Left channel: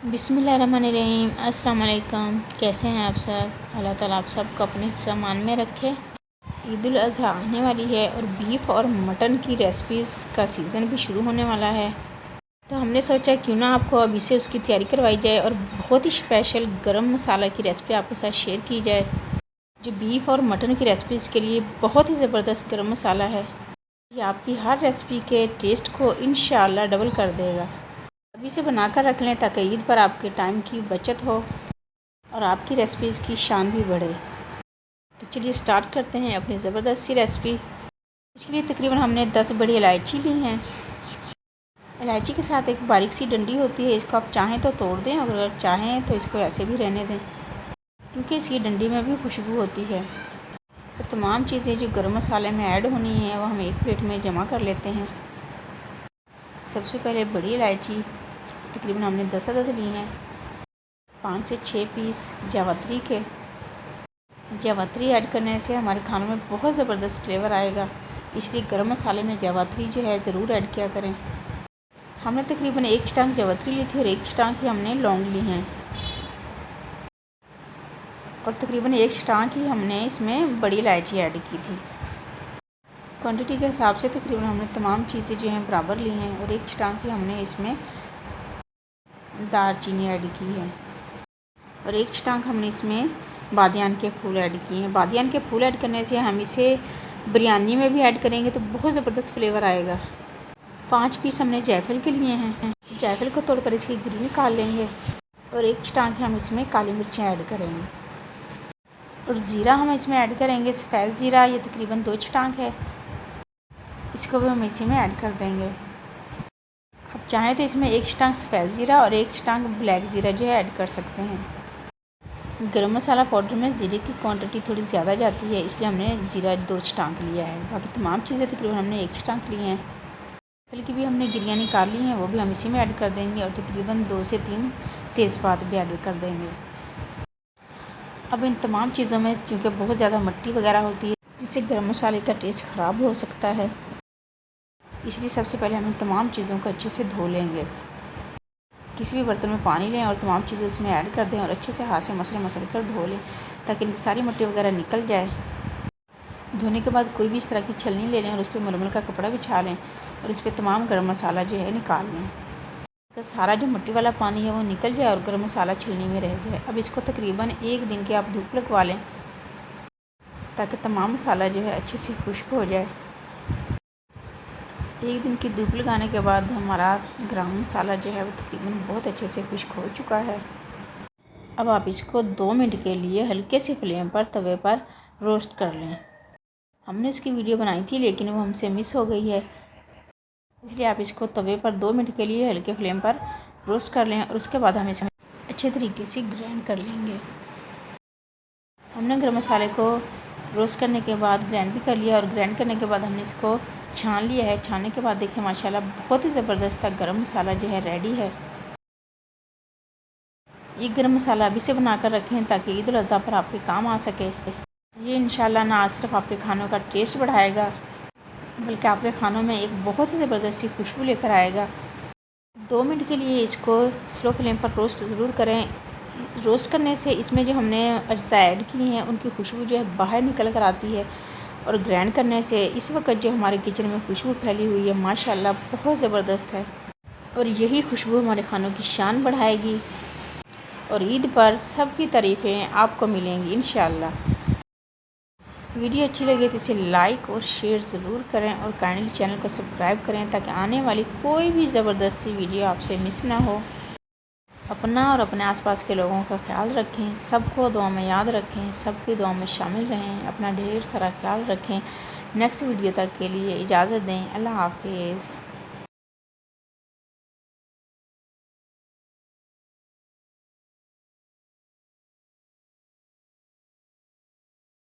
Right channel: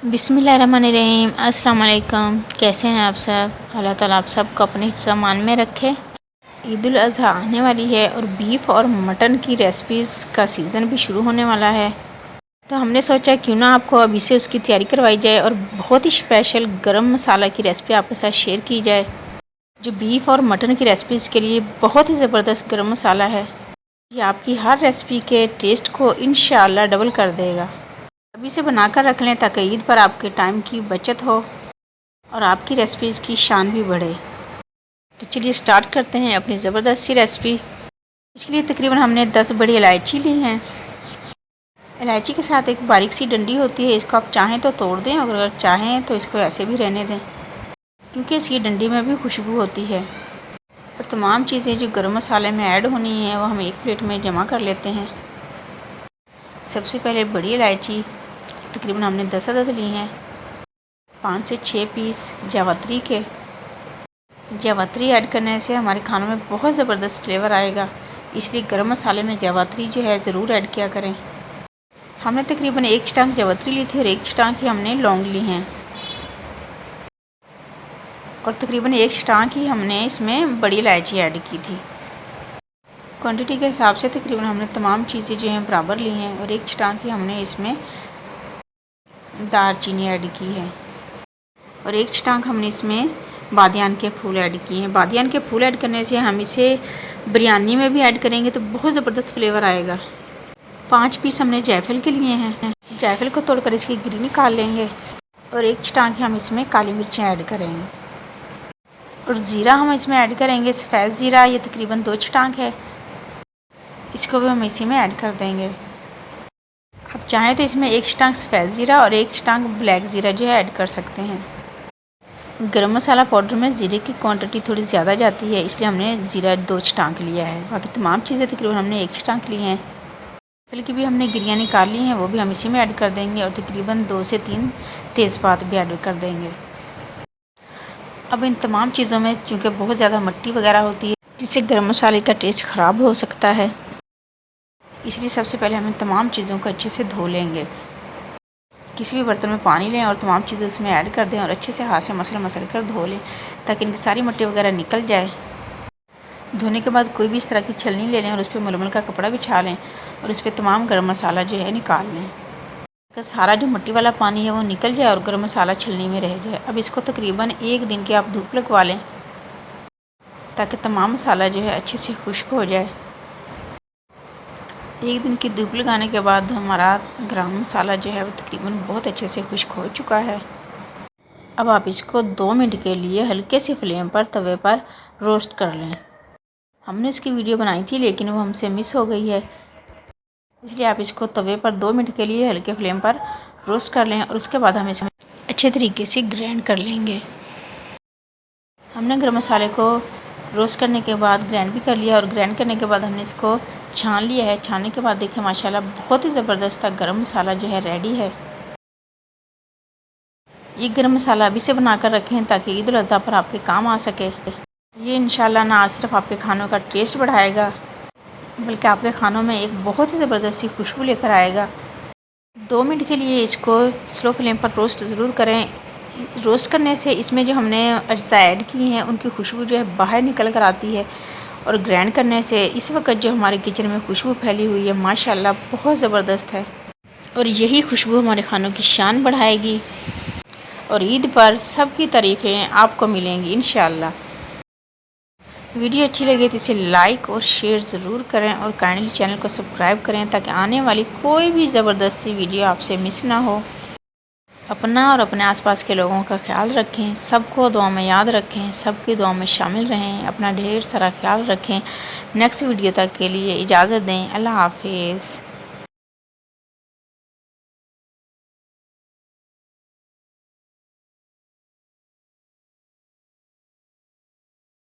बिस्मिल्लाहिर्रहमानिर्रहीम। अस्सलाम वालेकुम। कैसे हैं आप सब? अल्लाह ताला आप सबको अपने हिफ्ज़ अमान में रखे। ईद उल अज़हा आने वाली है और बीफ और मटन की रेसिपीज़ का सीज़न भी शुरू होने वाला है, तो हमने सोचा क्यों ना आपको अभी से उसकी तैयारी करवाई जाए और बहुत ही स्पेशल गरम मसाला की रेसिपी आपके साथ शेयर की जाए, जो बीफ और मटन की रेसिपीज़ के लिए बहुत ही ज़बरदस्त गरम मसाला है। ये आपकी हर रेसिपी के टेस्ट को इंशाअल्लाह डबल कर देगा। अभी से बनाकर रख लें ताकि ईद पर आपके टाइम की बचत हो और आपकी रेसिपीज़ की शान भी बढ़े। तो चलिए स्टार्ट करते हैं अपनी ज़बरदस्त सी रेसिपी। इसके लिए तकरीबन हमने 10 बड़ी इलायची ली हैं। इलायची के साथ एक बारीक सी डंडी होती है, इसको आप चाहें तो तोड़ दें और अगर चाहें तो इसको ऐसे भी रहने दें, क्योंकि इसकी डंडी में भी खुशबू होती है। और तमाम चीज़ें जो गरम मसाले में ऐड होनी है वो हम एक प्लेट में जमा कर लेते हैं। सबसे पहले बड़ी इलायची तकरीबन हमने 10 अदद ली हैं। 5 से 6 पीस जावित्री के। जावित्री ऐड करने से हमारे खानों में बहुत ज़बरदस्त फ्लेवर आएगा, इसलिए गरम मसाले में जावित्री जो है ज़रूर ऐड किया करें। हमने तकरीबन 1 चटांग जावित्री ली थी और 1 चटांग ही हमने लौंग ली हैं, और तकरीबन 1 चटांग ही हमने इसमें बड़ी इलायची ऐड की थी। क्वांटिटी के हिसाब से तकरीबन हमने तमाम चीज़ें जो हैं बराबर ली हैं, और 1 चटांग ही हमने इसमें दालचीनी ऐड की है, और 1 चटांग हमने इसमें बादियान के फूल ऐड किए हैं। बादियान के फूल ऐड करने से हम इसे बिरयानी में भी ऐड करेंगे तो बहुत ज़बरदस्त फ्लेवर आएगा। 5 पीस हमने जायफल के लिए हैं। जायफल को तोड़कर इसकी गिरी निकाल लेंगे, और 1 चटांग हम इसमें काली मिर्चें ऐड करेंगे, और ज़ीरा हम इसमें ऐड करेंगे। सफ़ेद ज़ीरा ये तकरीबन 2 चटांग है, इसको भी हम इसी में ऐड कर देंगे। आप चाहें तो इसमें 1 चटांग सफ़ेद ज़ीरा और 1 चटांग ब्लैक ज़ीरा जो है ऐड कर सकते हैं। गरम मसाला पाउडर में ज़ीरे की क्वांटिटी थोड़ी ज़्यादा जाती है, इसलिए हमने ज़ीरा 2 चटांक लिया है। बाकी तमाम चीज़ें तकरीबन हमने 1 चटांक ली हैं। फिर की भी हमने गिरियाँ निकाल ली हैं, वो भी हम इसी में ऐड कर देंगे, और तकरीबन 2 से 3 तेज़पात भी ऐड कर देंगे। अब इन तमाम चीज़ों में चूँकि बहुत ज़्यादा मिट्टी वगैरह होती है, जिससे गरम मसाले का टेस्ट ख़राब हो सकता है, इसलिए सबसे पहले हम इन तमाम चीज़ों को अच्छे से धो लेंगे। किसी भी बर्तन में पानी लें और तमाम चीज़ें उसमें ऐड कर दें और अच्छे से हाथ से मसल कर धो लें, ताकि इनकी सारी मिट्टी वगैरह निकल जाए। धोने के बाद कोई भी इस तरह की छलनी ले लें और उस पर मलमल का कपड़ा बिछा लें, और उस पर तमाम गरम मसाला जो है निकाल लें, ताकि सारा जो मिट्टी वाला पानी है वो निकल जाए और गरम मसाला छलनी में रह जाए। अब इसको तकरीबन 1 दिन की आप धूप लगवा लें, ताकि तमाम मसाला जो है अच्छे से खुश्क हो जाए। 1 दिन की धूप लगाने के बाद हमारा गरम मसाला जो है वो तकरीबन बहुत अच्छे से खुश्क हो चुका है। अब आप इसको 2 मिनट के लिए हल्के से फ्लेम पर तवे पर रोस्ट कर लें। हमने इसकी वीडियो बनाई थी लेकिन वो हमसे मिस हो गई है, इसलिए आप इसको तवे पर 2 मिनट के लिए हल्के फ्लेम पर रोस्ट कर लें, और उसके बाद हम इसमें अच्छे तरीके से ग्राइंड कर लेंगे। हमने गरम मसाले को रोस्ट करने के बाद ग्राइंड भी कर लिया, और ग्राइंड करने के बाद हमने इसको छान लिया है। छानने के बाद देखिए माशाल्लाह बहुत ही ज़बरदस्त गरम मसाला जो है रेडी है। ये गरम मसाला अभी से बनाकर रखें ताकि ईद उल अज़हा पर आपके काम आ सके। ये इंशाल्लाह ना सिर्फ आपके खानों का टेस्ट बढ़ाएगा, बल्कि आपके खानों में एक बहुत ही ज़बरदस्त सी खुशबू लेकर आएगा। 2 मिनट के लिए इसको स्लो फ्लेम पर रोस्ट ज़रूर करें। रोस्ट करने से इसमें जो हमने अज्जा ऐड की हैं उनकी खुशबू जो है बाहर निकल कर आती है, और ग्राइंड करने से इस वक्त जो हमारे किचन में खुशबू फैली हुई है माशाल्लाह बहुत ज़बरदस्त है, और यही खुशबू हमारे खानों की शान बढ़ाएगी, और ईद पर सबकी तारीफ़ें आपको मिलेंगी इंशाल्लाह। वीडियो अच्छी लगे तो इसे लाइक और शेयर ज़रूर करें, और काइंडली चैनल को सब्सक्राइब करें ताकि आने वाली कोई भी ज़बरदस्त सी वीडियो आपसे मिस ना हो। अपना और अपने आसपास के लोगों का ख्याल रखें, सबको दुआ में याद रखें, सबकी दुआ में शामिल रहें, अपना ढेर सारा ख्याल रखें। नेक्स्ट वीडियो तक के लिए इजाज़त दें। अल्लाह हाफिज़।